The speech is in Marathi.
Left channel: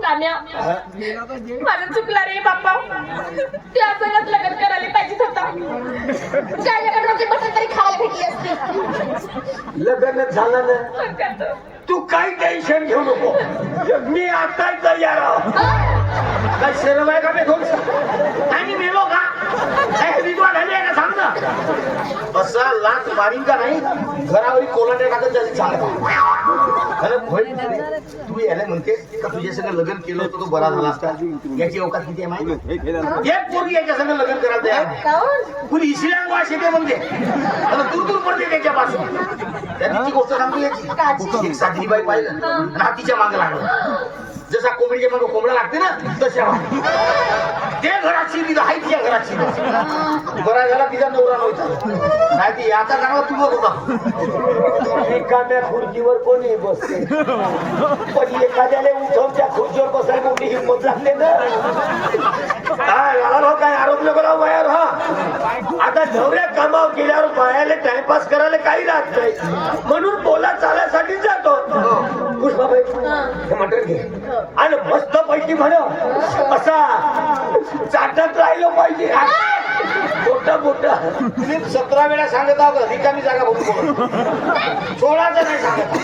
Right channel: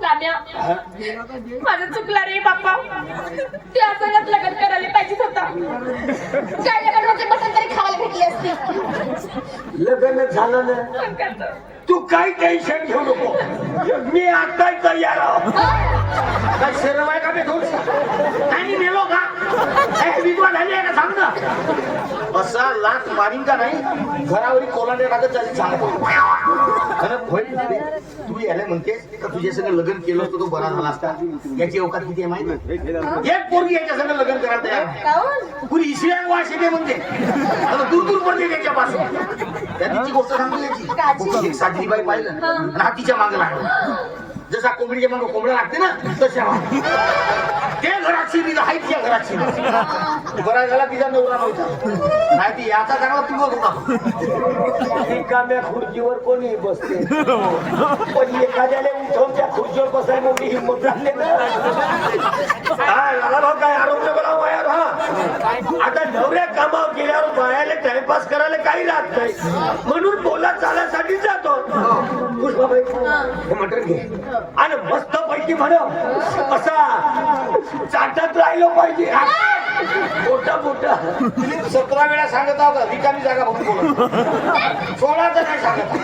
नाम्या माझं चुकलं रे बाप्पा. ते असंच लग्न करायला पाहिजेच होता. त्याच्याकडनं ते बटन तरी खायला भेटली असती. लग्न झालं ना तू काही टेन्शन घेऊ नको. मी आता तयार आहो. काय शेरव आहे का मी घेऊ आणि मेलो का एक विद्वान झाले ना सांग ना. असा लाच मारीन का नाही घरावरी कोलांड्या टाकत झाली चालत. खरं होईल रे. तू यायला म्हणतेस का तुझ्या सगळं लग्न केलं होतं तू बरा झाला असता. याची अवकाश किती आहे माहिती. एक पोरगी याच्या सगळं लग्न करायला तयार. कुणी इसल्या वाश येते म्हणजे दूर दूर पडते त्याच्यापासून. त्या तिची गोष्ट सांगू याची. एक साधी बाई पाहिलं आणि हातीच्या मागे लागलं. जसा कोंबडीच्या मागे कोंबडा लागते ना तशा ते घराची तिथं आहे तिच्या घराची. बरा झाला तिचा नवरा होता नाही ती याचा कारण तुझं होता. एखाद्या खुर्चीवर कोणी बसते पण एखाद्याने उठवून त्या खुर्चीवर बसायला मोठी हिंमत लागते ना. काय लागलो काय आरोप नको वयावर. हा आता ढवऱ्या कामावर गेल्यावर बायाला टाइमपास करायला काही राहत नाही म्हणून बोला चालण्यासाठी जातो. पुष्पाबाई हे मटण घे आणि मस्त पैकी म्हणा असा चाटत राहिलं पाहिजे. मोठं मोठं 17 वेळा सांगत आहोत रिकामी जागा बघून 16चा नाही सांगत.